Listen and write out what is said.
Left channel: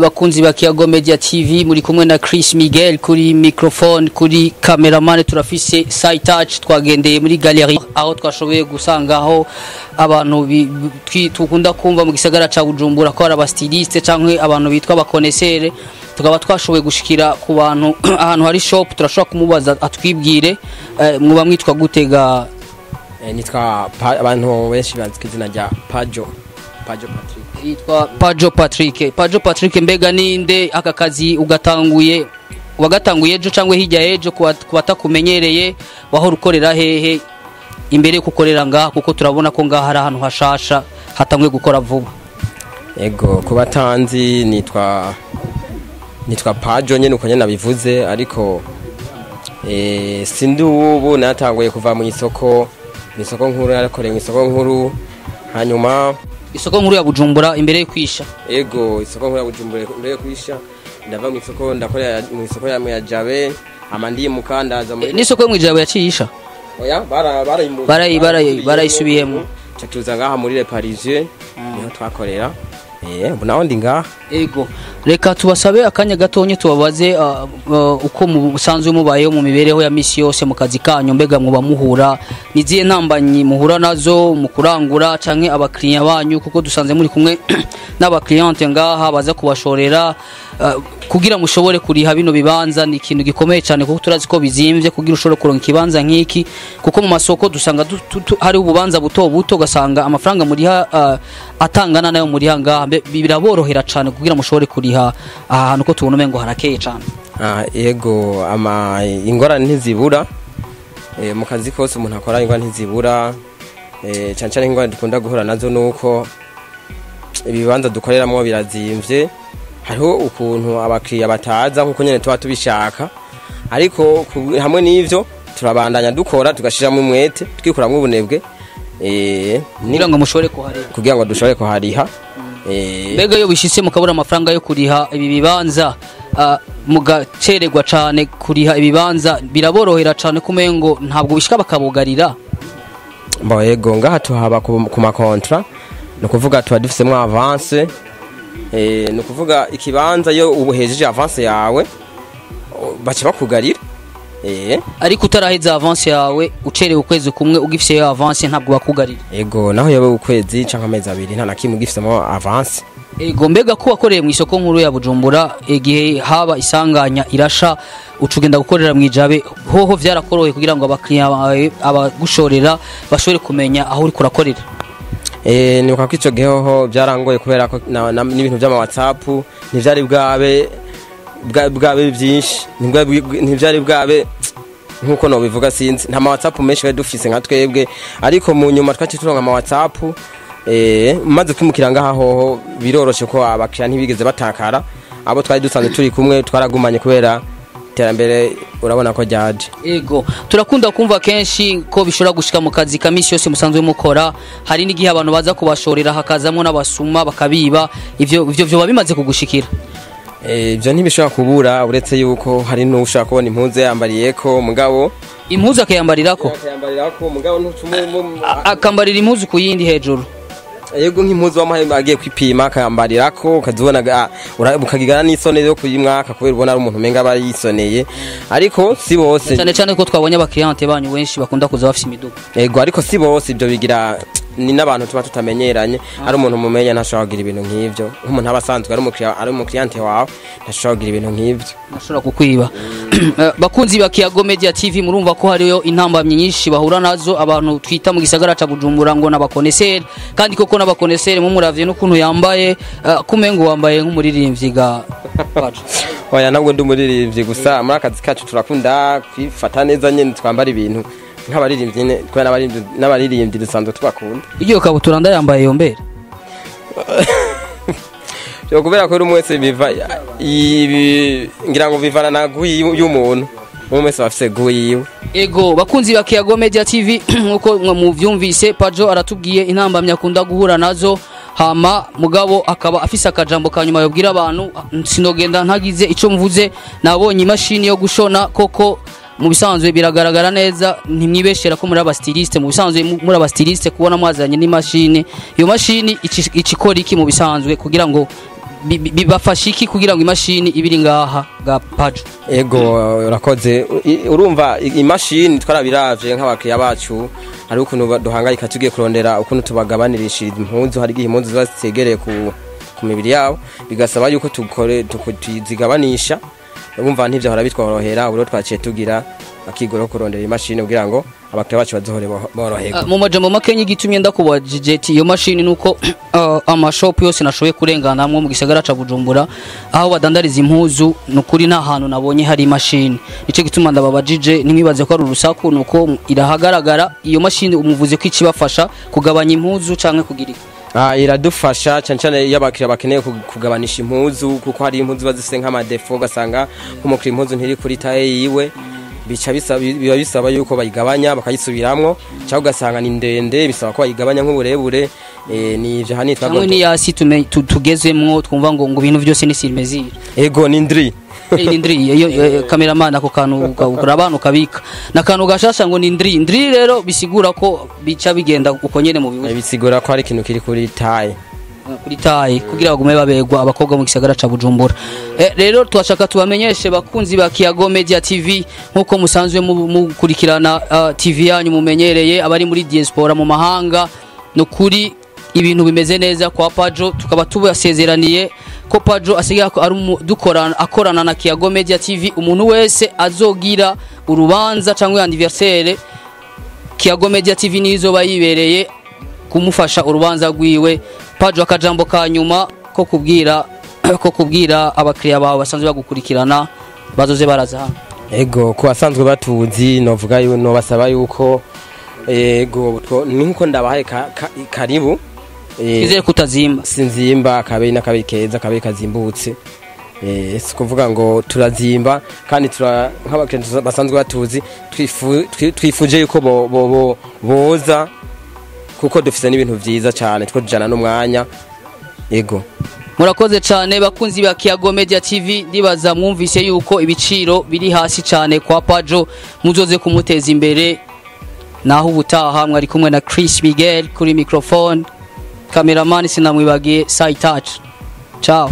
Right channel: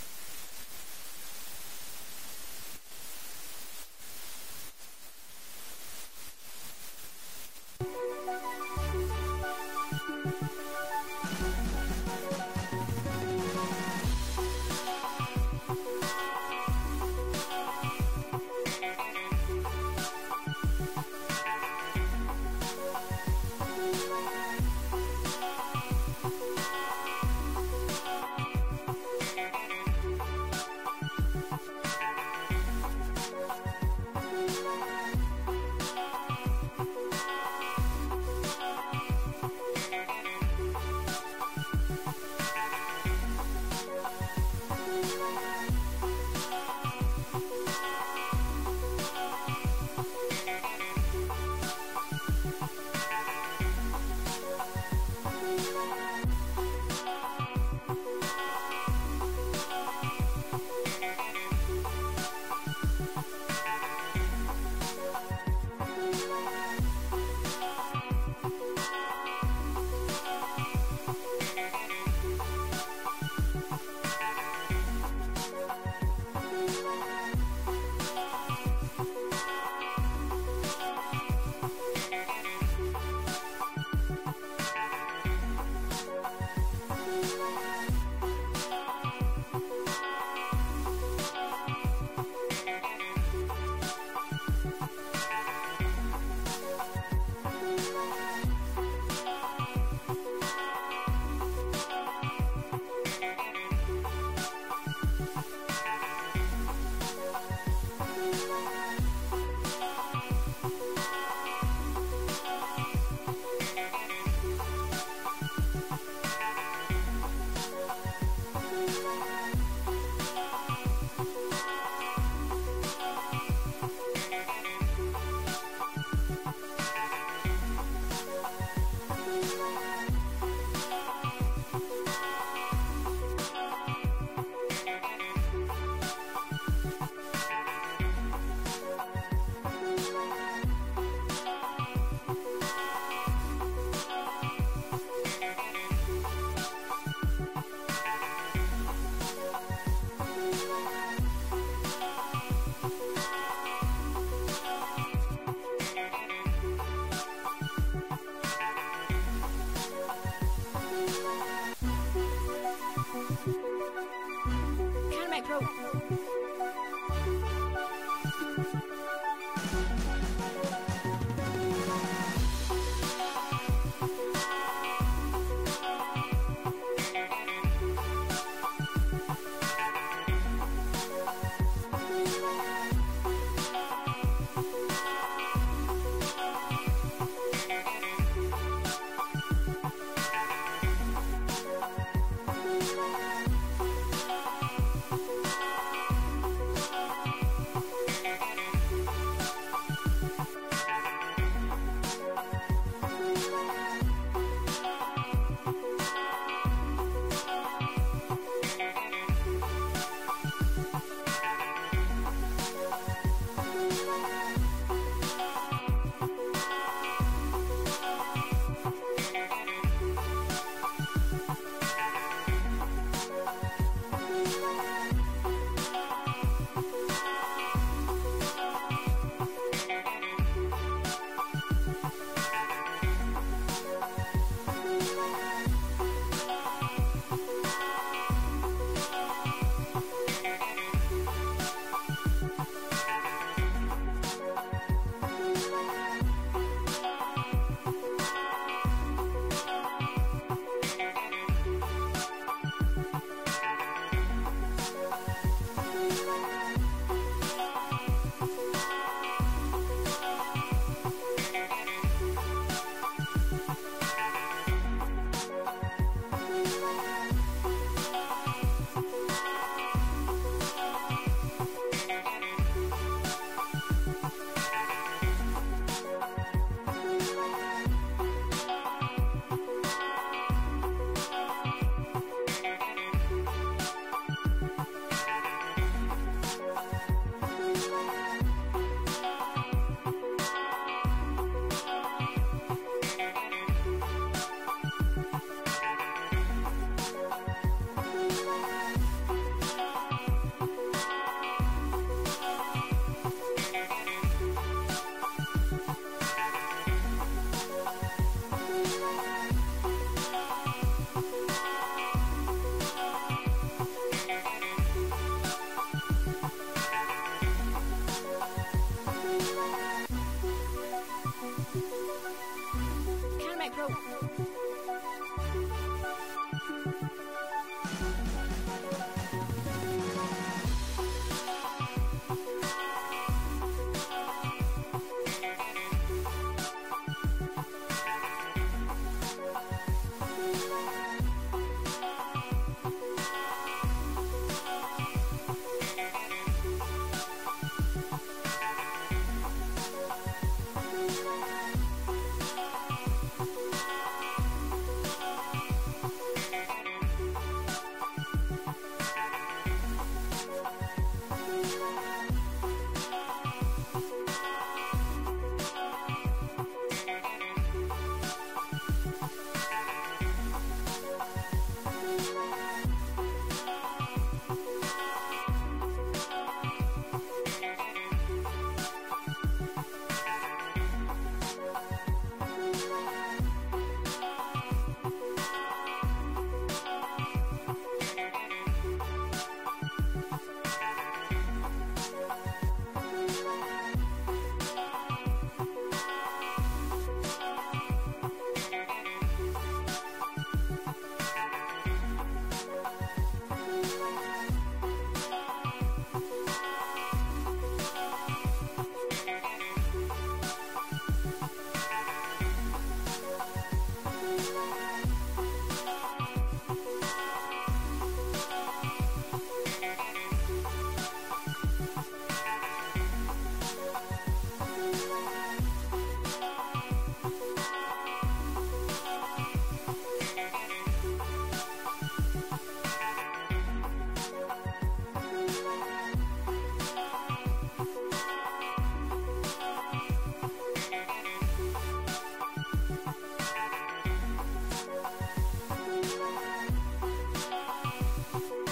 bakunzi ba Kiyago Media TV muri kumwe na Chris Miguel kuri microphone kuri cameraman turafise side touch twagendeye muri gallery aho twashoboye gusangaho abantu tukunda kumva mu gisagara ca Bujumbura ko ari abastyliste canke abantu bitwa bakoresha tukaba twashoboye gushikira ku bantu ahantu hari shop turashobora kumubaza atwibwire muba mwitwa gutega nitwa abantu benshi bandika izina rya Pajo Patrick yitwa Pajo Patrick. Pajo Patrick mbega ninde aka kazi wagatanguye ejo cyangwa hirya ejo kubatakumenyereye wahora ukorera hehe imbere kukorera ngaha kuko turabona ko ngaha hari ahantu hashasha hatangwe gukora vuba. Ego kubatanzi nitwa Pajo nyene uko nyene bivuze ariko sindi ubu natanguye kuva mu isoko nkuru narakoreye mu isoko nkuru hanyuma isoko nkuru ya Bujumbura imbere yo kwisha. Ego isoko nkuru ya Bujumbura imbere yo kwisha ndava mu isoko ndakorera mu isoko ya Jabe amandi mukandaza ni isoko mu Jabe yacisha oya barayisubiyemo tuza ngaha muri Le Parisien niho twakorera naho ndi ngaha. Ego reka tubasabe akanya gatonye tubabaze uko musanzwe mubayeho mu mibereho ya misi yose mu kazi kanyu mbega muba muhura niziye ntambanyi muhura nazo mu kurangura canke abakiriya banyu kuko dusanze muri kumwe n'abakiriente ngaha baza kubashorera kugira mushobore kuriha bino bibanza ni ikintu gikomeye cyane kuko turazi ko bizimvye kugira ushobore kuronka ikibanza nk'iki kuko mu masoko dusanga hari ububanza buto gasanga amafaranga muriha atangana nayo muriha ngaha biraborohera cyane kugira mushobore kuriha ahantu ko tubona ngo harakeye cyane. Yego ingorane ntizibura mu kazi kose umuntu akora ingorane ntizibura cyane ingorane dukunda guhura nazo nuko ibibanza dukoreramo birazimvye hariho ukuntu abakiriya bataza nkuko nyene tuba tubishaka ariko hamwe n'ivyo turabandanya dukora tugashiramo umwete twikuramwe ubunebwe kugira ngo mushobore kuhariha mbega yo bishitse mukabura amafaranga yo kuriha ibi bibanza mugacererwa cyane kuriha ibibanza biraborohera cyane kumengo ntabwo bishika bakabugarira. Yego ngaha tuhaba ku makontra no kuvuga tuba dufisemo avance no kuvuga ikibanza yo ubuhejeje avance yawe bace bakugarira ariko utaraheza avance yawe ucerewe ukwezi kumwe ugifise yo avance ntabwo bakugarira. Ego naho yawe ukwezi canka amezi abiri nta nakimwe ugifisemo avance. Ego mbega ko wakoreye mu isoko nkuru ya Bujumbura igihe haba isanganya irasha ucugenda gukorera mu Jabe hoho vyarakoroye kugira ngo abakiriya abagushorera bashobore kumenya aho uri kurakorera. Ni uko ico geho byarangoye kubera ko n'ibintu by'ama WhatsApp ntivyari bwabe byinshi ntivyari bwabe nkuko no bivuga sinzi nta ma WhatsApp menshi we dufise nka twebwe ariko mu nyuma twaci turonka ama WhatsApp maze kwimukira ngaha hoho biroroshe ko abakiriya ntibigeze batakara abo twari dusanzwe turi kumwe twaragumanye kubera terambere urabona ko ryaje. Ego turakunda kumva kenshi ko bishobora gushika mu kazi kamisi yose musanzwe mukora hari n'igihe abantu baza kubashorera hakazamo n'abasuma bakabiba ivyo bimaze kugushikira. Ibyo ntibishobora kubura uretse yuko hari n'ushaka kubona impuzu yambariyeko mugabo impuzu akayambarirako mugabo ntucumumu akambarira impuzu ku yindi hejuru. Yego nk'impuzu w'amahembe agiye kwipima akayambarirako ukazibona ukagigana n'isone yo kuyimwaka kubera ubona ari umuntu menga bari yisoneye ariko si bose cyane ko twabonye abakiriente banyu benshi bakunda kuza bafite imiduga. Yego ariko si bose ibyo bigira ni n'abantu tuba tutamenyeranye ari umuntu mumenya ntashobora kugira ibintu nk'ivyo nk'umuntu abasanzwe ari umukiriente wawe ntashobora kugira ibintu nk'ivyo ntashobora kukwiba. Bakunzi ba Kiyago Media TV murumva ko hariyo intambamye nyinshi bahura nazo abantu twita mu gisagara ca Bujumbura ngo n'abakonesseur kandi koko n'abakonesseur mu muravye n'ukuntu yambaye kumengo wambaye nk'umuririmbyi ga Pajo. Oya nabwo ndi umuririmbyi gusa muri akazi kacu turakunda kwifata neza nyene twambara ibintu nk'abaririmbyi nyene kwa n'abaririmbyi dusanzwe tubakunda. Iyo kabutura ndayambaye yombere yo kubera ko rumwese biva ngira ngo bivana na guyi y'umuntu umwese bafise guyi. Ego bakunzi ba Kiyago Media TV nkuko muvyumvise Pajo aratubwiye intambamya akunda guhura nazo hama mugabo akaba afise akajambo kanyuma yobwira abantu sinogenda ntagize ico mvuze nabonye imashini yo gushona koko mu bisanzwe biragaragara neza ntimwibeshera ko muri abastyliste mu bisanzwe muri abastyliste kubona mwazanye n'imashini iyo mashini ikikora iki mu bisanzwe kugira ngo bibafasha iki kugira ngo imashini ibiri ngaha ga Pajo? Ego urakoze, urumva imashini twarabiravye nk'abakiriya bacu hari ukuntu duhangayika tugiye kurondera ukuntu tubagabanirishiriza impuzu, hari igihe impuzu zasegereye ku mibiri yabo bigasaba yuko tuzigabanisha, urumva ntivyo hora bitworohera, ubwo twaciye tugira akigoro kurondera imashini kugira ngo abakiriya bacu bazohore boroherwa. Mu majambo makenye gitumye ndakubajije ati iyo mashini nuko amashop yose nashoboye kurengana mu gisagara ca Bujumbura aho badandariza impuzu nukuri nta hantu nabonye hari imashini, nico gituma ndababajije nimwibaze ko ari urusaku nuko irahagaragara iyo mashini umuvuze ko ikibafasha kugabanya impuzu canke kugira iradufasha cyane cyane iyo abakiriya bakeneye kugabanisha impuzu, kuko hari impuzu bazise nk'amadefo ugasanga nk'umukiriya impuzu ntiri kuri taye yiwe, biba bisaba yuko bayigabanya bakayisubiramwo, cyangwa ugasanga ni ndende bisaba ko bayigabanya nk'uburebure. Nivyo hanitwa ngo ni yasi tugezemwo twumva ngo ibintu byose ni silmezire. Ego ni ndri iyo cameraman ako kantu urabana ukabika nakantu gashasha ngo ni ndri rero bisigura ko bica bigenda uko nyene mu bibuye, bisigura ko hari ikintu kiri kuri taye kugira bagume babegwa abakobwa mu gisagara ca Bujumbura. Rero twashaka tubamenyeshe bakunzi ba Kiyago Media TV nkuko musanzwe mukurikirana TV yanyu mumenyereye abari muri diaspora mu mahanga, no kuri ibintu bimeze neza kwa Pajo, tukaba tubasezeraniye ko Pajo asigaye akorana na Kiyago Media TV. Umuntu wese azogira urubanza cyangwa anniversaire, Kiyago Media TV nizo bayibereye kumufasha urubanza rwiwe. Pajo akajambo ka nyuma ko kubwira abakiriya bawe basanzwe bagukurikirana bazoze baraza hano. Ego ko asanzwe batuzi novuga no basaba yuko ego nkuko ndabahaye karibu izere kutazimba sinzimba kabe n'akabe keza kabe kazimbutse, sikuvuga ngo turazimba kandi nk'abakiriya basanzwe batuzi twifuje yuko boza kuko dufite n'ibintu byiza cyane two tujana n'umwanya. Ego murakoze cyane bakunzi ba Kiyago Media TV, ndibaza mwumvise yuko ibiciro biri hasi cyane kwa Pajo, muzoze kumuteza imbere. Naho ubutaha mwari kumwe na Chris Miguel kuri microphone, cameraman sinamwibagiye Sai Touch. Ciao.